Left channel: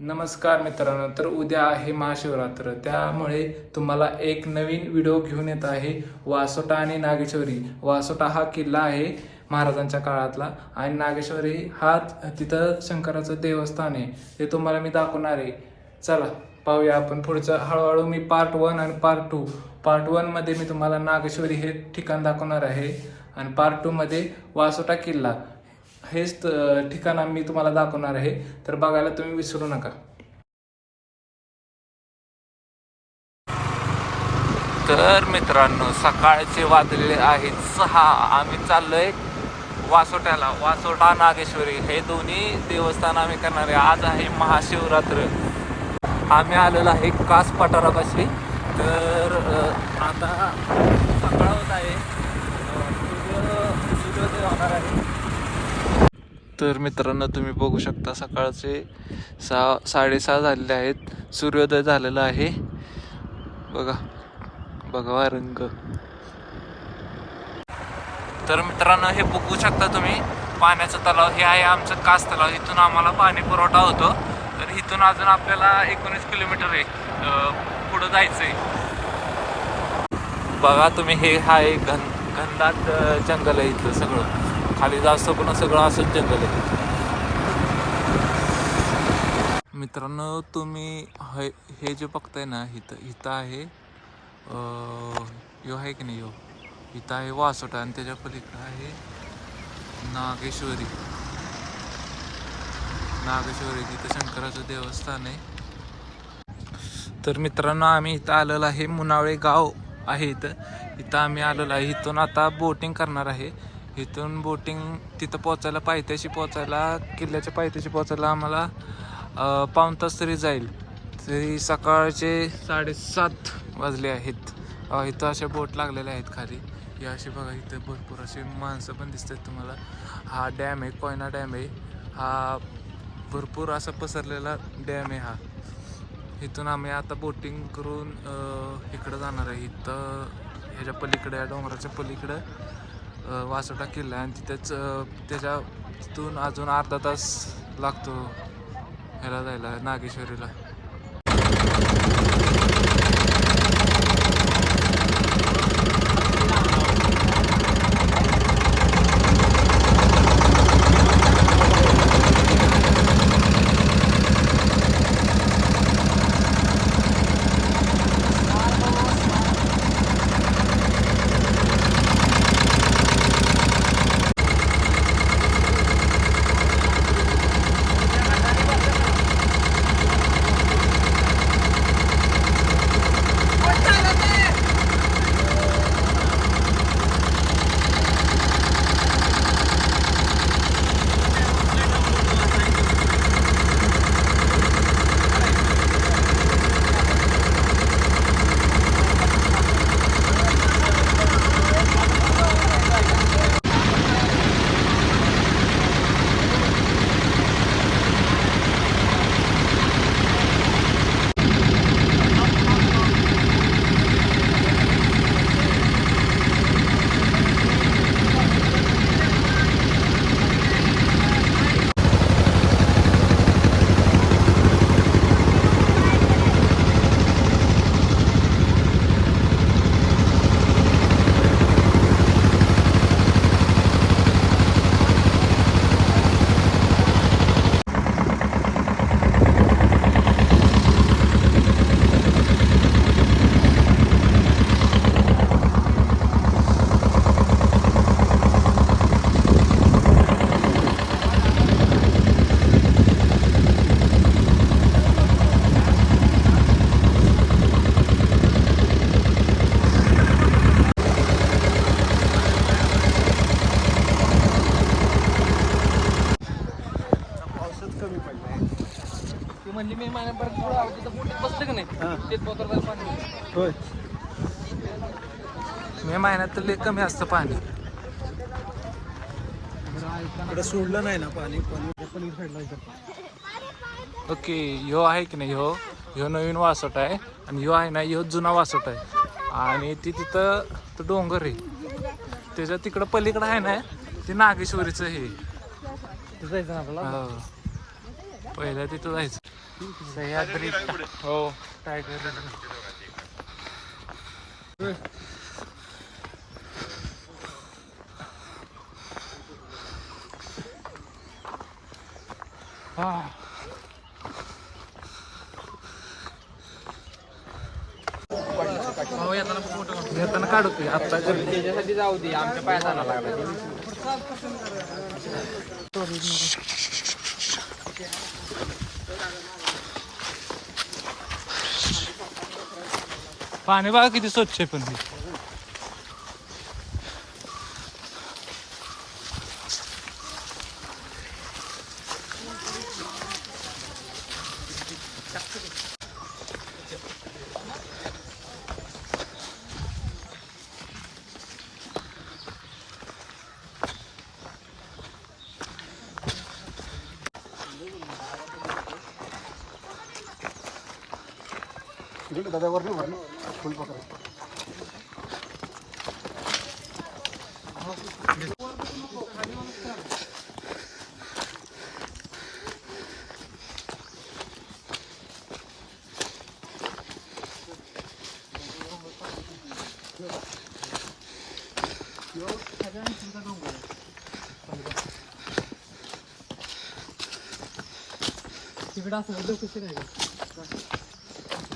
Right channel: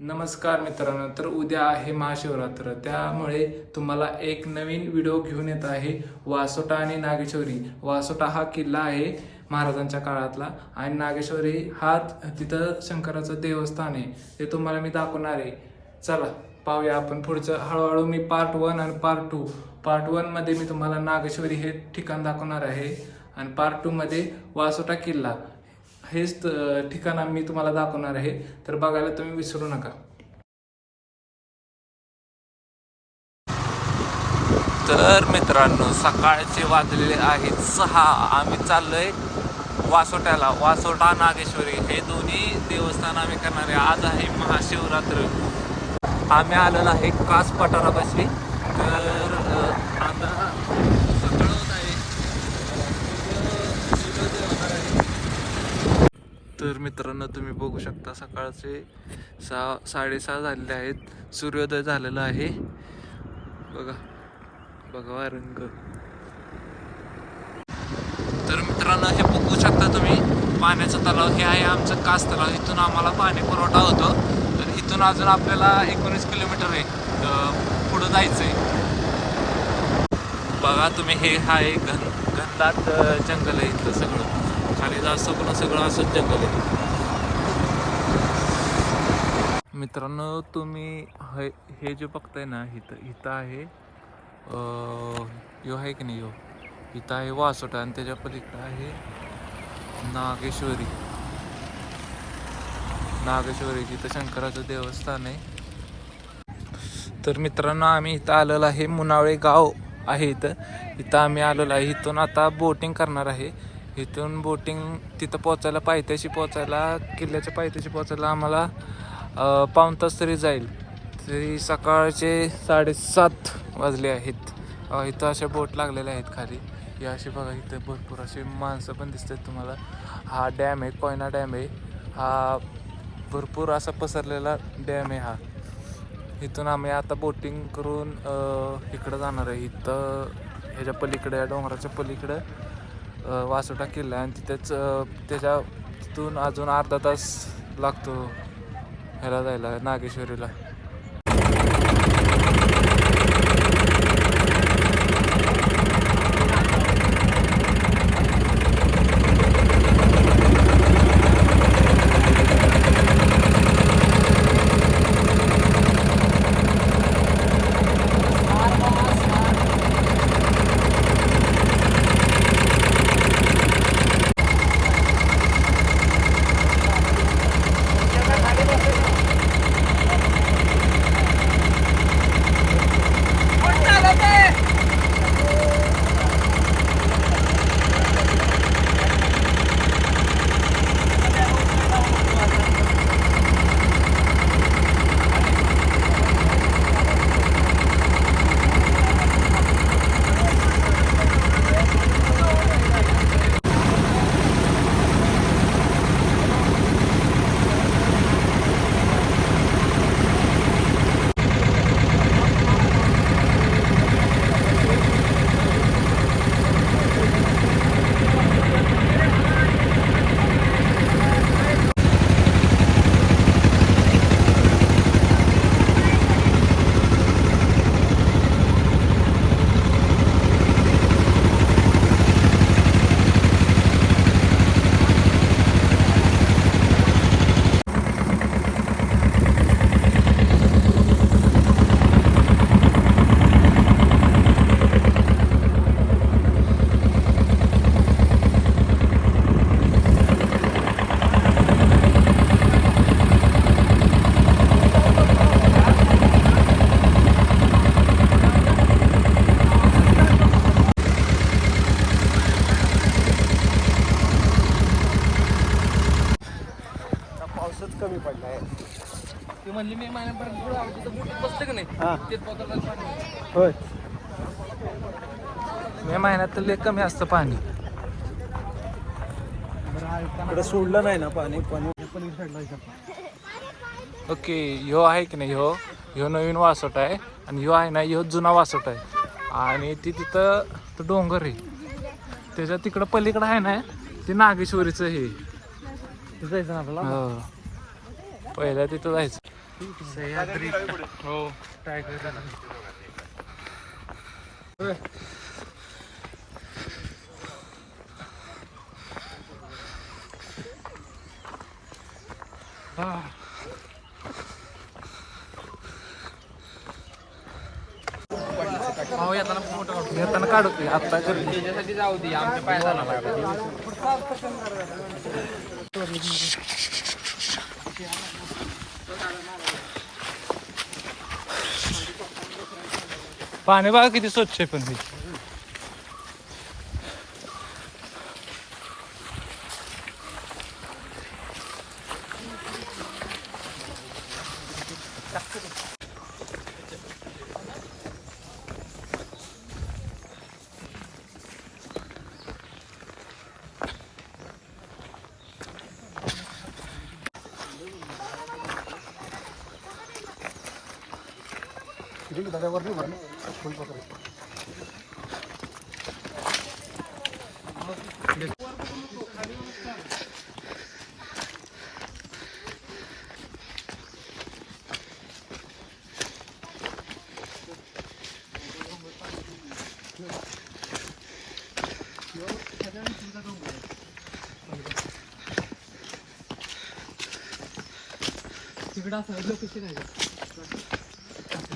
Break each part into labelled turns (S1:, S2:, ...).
S1: नमस्कार मित्रांनो तर उद्या आहे महाशिवरात्र. त्यामुळे तुम्हाला एक नवीन व्हिडिओ घेऊन येत आहे वासोटा आणि नागेश्वरी. वासोटा हा किल्ला आहे महाराजांच्या काळातला आणि नागेश्वरी हा तिथं शंकराचं देवस्थान आहे. ते तुम्हाला मी दाखवणार आहे. चला पाहूया आपण पुढचं. हळूहळू मी पार्ट वन आणि पार्ट टू पार्ट वनमध्ये मी तुम्हाला नागेश्वरी हे ठिकाण दाखवणार आहे. आणि पार्ट टूमध्ये वासोटा किल्ला. हेच ठिकाण मी तुम्हाला दाखवणार आहे. तर बघायला तुम्ही विसरू नका. तर मित्रांनो सकाळचे वाजलेले आहेत सहा. आम्ही चाललोय वासोट्याला. वासोटा नागेश्वरी. हे दोन्ही देवस्थान आम्ही करणार आहे. आज आहे महाशिवरात्र. आम्ही आलेलो आहे कास पठारापाशी तर आता सकाळ होत आहे सूर्योदय होणार आहे तर मित्रांनो तुम्ही बघू शकता सकाळचे सहा साडेसहा झालेले आहेत. सूर्योदय झालेला आहे. बघा बघा रंग. तर मित्रांनो हे बघू शकता तुम्ही पाण्याचं तलाव हे आहे आमचं कास तलाव. इथून आम्हाला पाणी पुरवठा होतो. तर इथून अजून आपल्याला एकोणीस किलोमीटर आहे. पुढं पुढं जायचंय. बघा तुम्ही हे आहे घन घनदाट जंगल आहे इथलं सगळं. खाली जास्त पण सगळं असंच जंगल आहे. मित्रांनो तुम्ही हे हे जे बघताय ना इथं इथं आहे यो आहे की नाही यो? इथं आहे वासोटा आणि त्याच्या पलीकडं आहे नागेश्वरी. नागेश्वरी तिथं शंकराचं देवस्थान आहे. तर मित्रांनो आम्ही इथं आलेलो आहे मुनाळे गाव आहे इथं. इथं आम्ही आलेलो आहे. इथून आता बोटिंग करणार आहे. इथून बोटिंग तिथं पोचायला पायथ्याशी पोचायला किल्ल्याच्या पायथ्याशी पोचायला आम्हाला पाऊण तास तरी जाईल. तरी सकाळचे साडेसात वाजले आहेत. इथं अशा बोट लागलेल्या आहेत खाली. हे असे बघा इथं भरपूर असे माणसं पण दिसतात तुम्हाला. हा डॅम आहे कोयना डॅम आहे. हा भरपूर असा पसरलेला डॅम आहे हा. इथून आम्ही आता बोटिंग करून इकडं जाणार आहे. इथं ह्याच्या पलीकडे या डोंगराच्या पलीकडं वासोटा किल्ला आणि तिथेच त्याच्या तिथून अजून अर्धा तास लागतो ह्याला जायला नागेश्वरीला.
S2: हा. होय.
S1: मे महिन्यात तर लय कमी असतं पाणी.
S2: इकडे सोडलं नाही ना पाणी
S1: ओके ह्यो आहे की नाही? ह्यो ह्यो नवीन वासोट आहे आणि ह्यो आहे ना ह्यो जुना वासोट आहे. आणि ती तिथं तो डोंगर आहे. त्याच्या तिकडं पलीकडं आहे ना ते नागेश्वरीचं हे. हो. पहिल्या तिथं जायचं. सह्याद्री हो टायगर भाऊ येताना फोटो काढतो येताना काढू की आत्ता कर
S3: त्याच्यासाठी जाऊ दे आमच्या
S1: पाणी बघा किती स्वच्छ आहे पण ते
S2: दादावर नाही भरलं फुल पकडा तिकडं असं लोकेशन आहे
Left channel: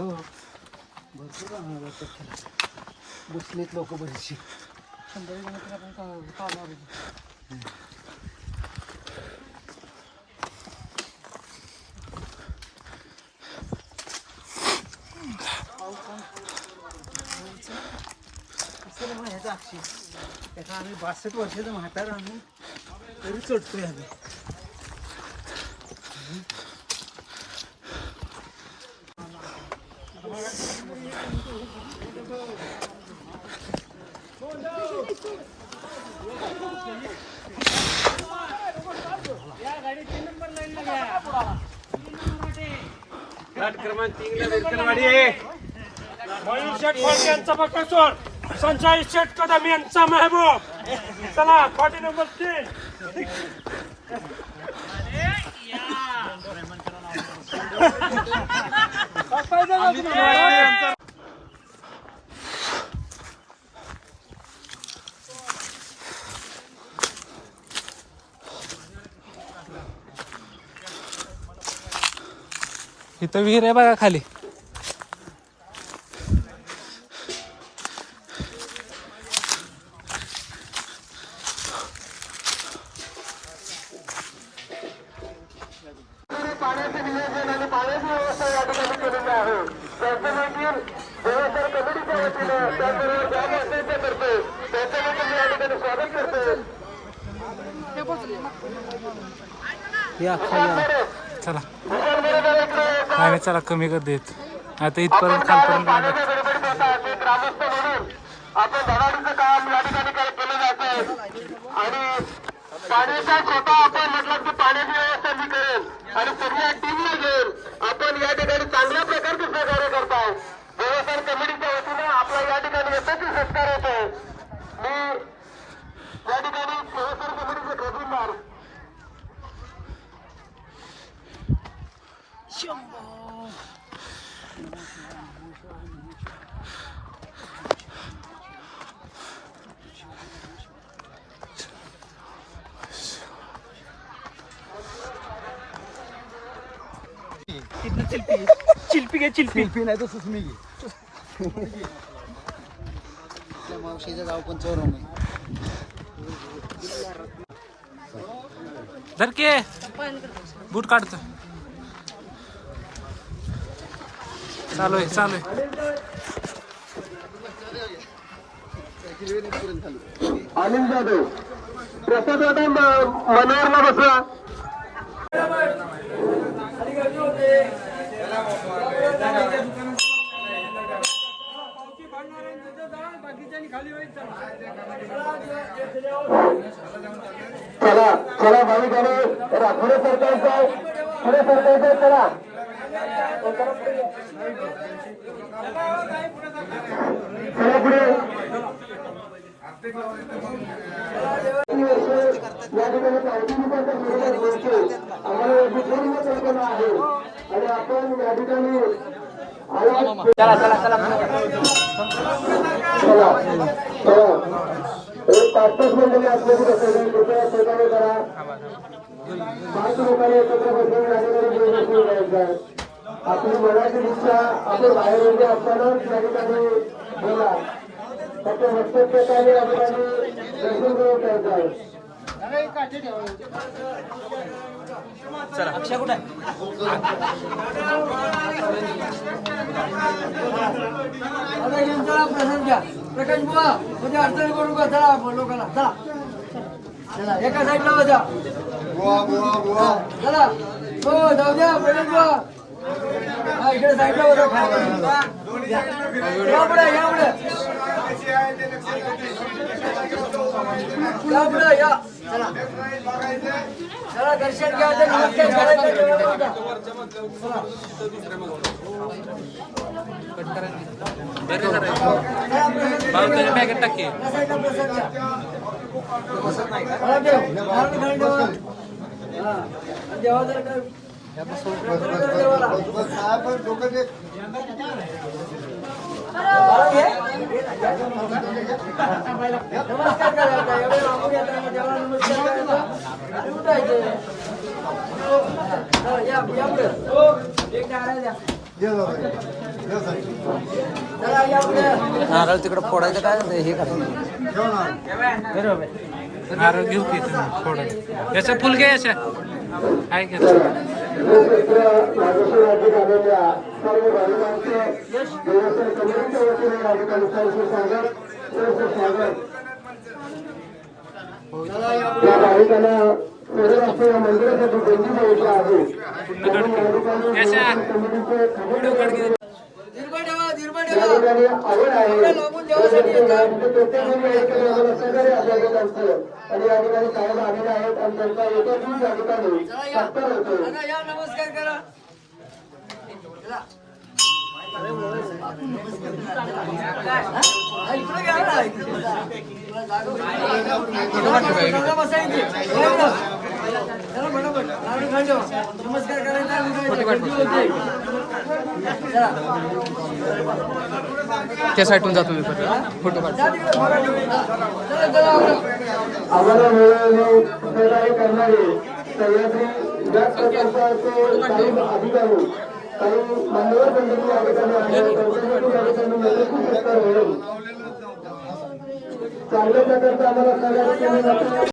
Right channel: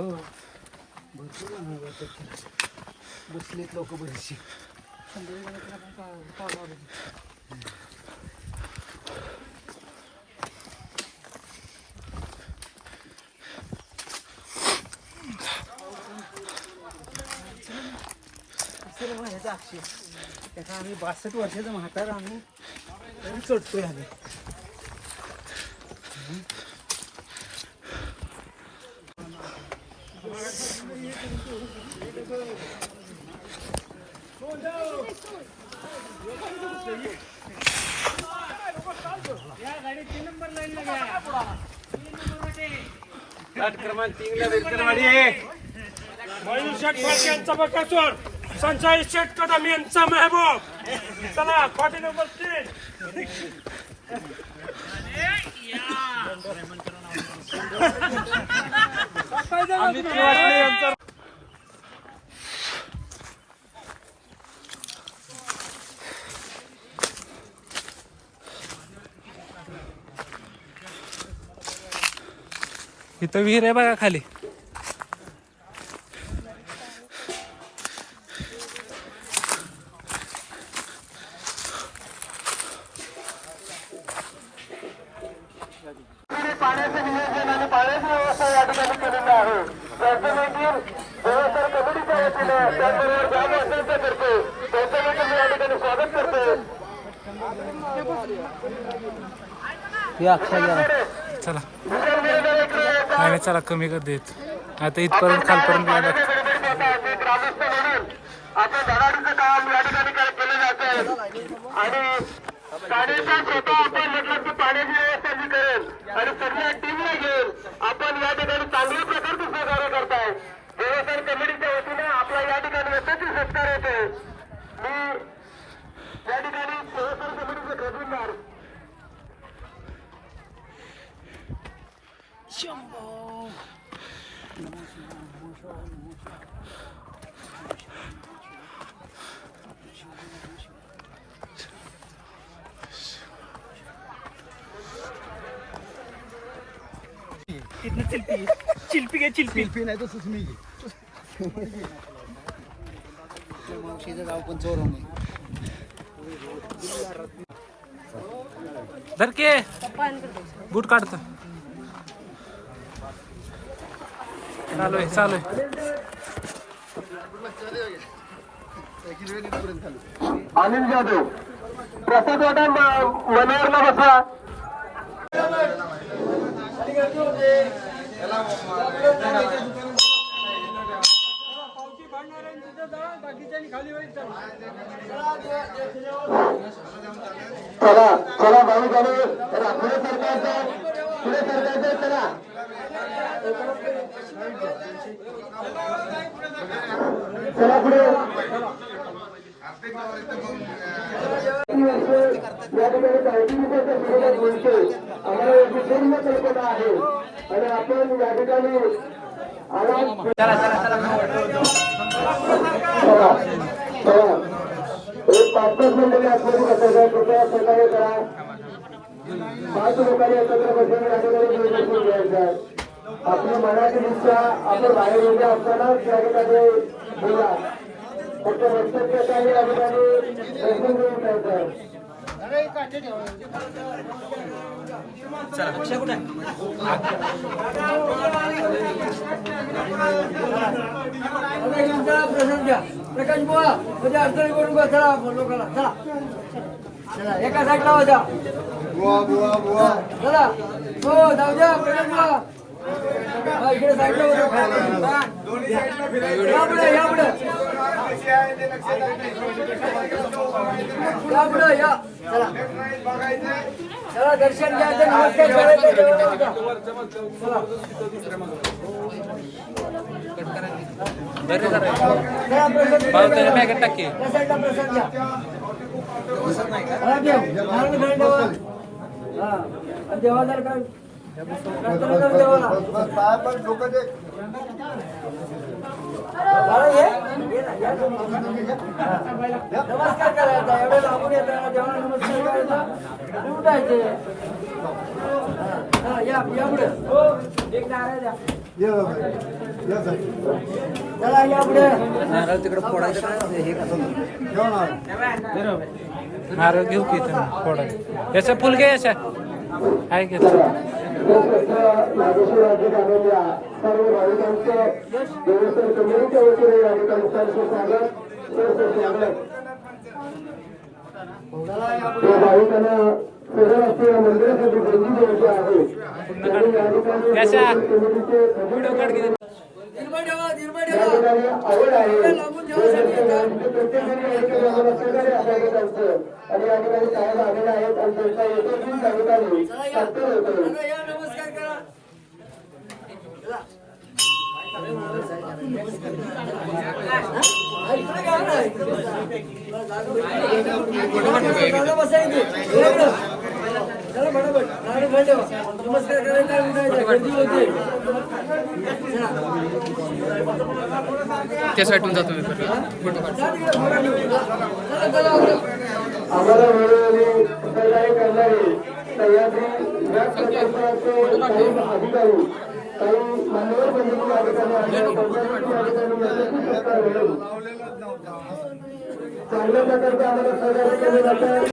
S2: हो भरपूर बसलेत लोक बरेचसे त्याचा आम्ही बासष्ट वर्षाचा म्हातार आम्ही तरी चढतोय आम्ही
S4: मयूर शेठ खोट यांचा बकासूर संजय शेठ कदम यांचा महबूब चला खोटी नंबर तीन
S1: इथं विहीर आहे बघा खाली. चला. नाही चला कमी कर देत. आता इथपर्यंत खालपर्यंत लागत
S5: आपण काम या ठिकाणी काय केलं आणि पाण्याचा स्वतः आपण म्हटलं की पाण्याची व्यवस्था मी करेल आणि सगळ्या टीमला घेऊन आपण या ठिकाणी चांगल्या प्रकारचे सहकार्य करताय देवस्थान कमिटीच्या वतीने आपला या ठिकाणी यशस्वी सत्कार येत आहे मी या ठिकाणी देवस्थान कमिटीचे खजिनदार
S3: कितना चिल्पी के चिल्पी। क्या चिल्पी
S2: नाही तर तो सुचली मावशीचा जाऊ पण
S1: बूट काढतो चालू आहे चालू आहे.
S5: अनिल जाधव प्रसाद वाटा मनोहरला बसा. चला चला भाऊ झाले तर पुढे सरकारचं पुढे सरकारचं चला. आणि आपण या ठिकाणी आणि एक पाच पाच मिनिटांनी आतमध्ये कृपया करा पाच लोकांनी एकत्र बसून या ठिकाणी घेऊन बसून घ्यायचं आपली मनाची इच्छा आपण बाहेर म्हणजे असतानाच या ठिकाणी बोला. फक्त वक्तव्य काही या ठिकाणी आहे?
S3: घ्या. प्रकाश बुवा म्हणजे अडचण करून चला लोकांना. चला. चला एका साईडला वाजा चला. हो जाऊ द्या प्रकाश बुवा. इकडे साईडला वाजा या पुढे या पुढे. या पुढे या. चला. चला दर्शन घ्या ते नमस्कार करायचा जेवढा होता. चला.
S1: बॅगेत टाके
S3: प्रसन्न देव. घरी
S2: नारळ तिकडे फोडायचं
S1: फुल
S5: नागेश्वर राज्यात आलेल्या सर्व भाविकांचं देवस्थान कमिटीच्या वतीने या ठिकाणी स्वागत सहर्ष स्वागत या भाविकांना सगळ्या मंदिरासाठी देवी द्यायची आहे
S1: पूर्ण
S5: एकत्र आम्हाला सहकार्य आपल्याकडे असतं आणि ठिकाणी साहेब आलेले आहेत आणि त्यांचा एका दिवस या. ठिकाणी सत्कार होतो.
S3: नमस्कार करायचा उठायचा. गर्दी होते चला
S1: त्या साईडून जातो मी
S3: फोटो
S5: काढतो. काही मान्यवर आहेत त्यांच्याकडून सत्कार चांगल्या प्रकारचं आम्हाला सहकार्य केलं जातं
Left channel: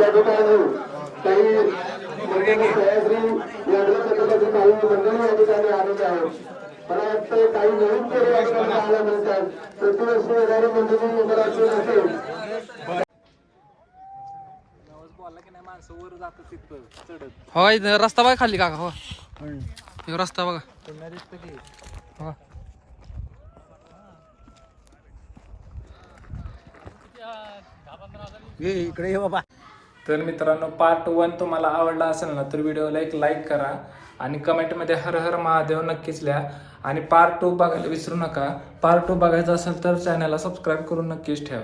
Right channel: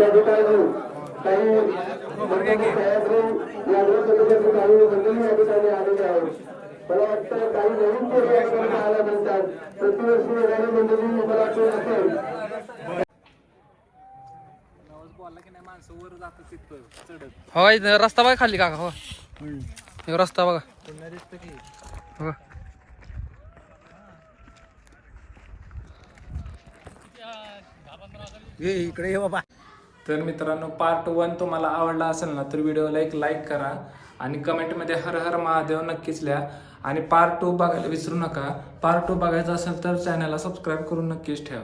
S5: या ठिकाणी काही सह्याद्री यादव समाजातील काही मंडळी या ठिकाणी आलेले आहेत. मला वाटतं काही नवीन पोरं या ठिकाणी पाहायला मिळतात प्रतिवर्षी येणारी मंडळी मला वाटतं असेल.
S3: हो इथं रस्ता बघा खाली काका हो हे रस्ता बघा. हो.
S2: इकडे ये बाबा.
S1: तर मित्रांनो पार्ट वन तुम्हाला आवडला असेल ना तर व्हिडिओला एक लाईक करा आणि कमेंटमध्ये हर हर महादेव नक्कीच लिहा. आणि पार्ट टू बघायला विसरू नका. पार्ट टू बघायचा असेल तर चॅनलला सबस्क्राईब करून नक्कीच ठेवा.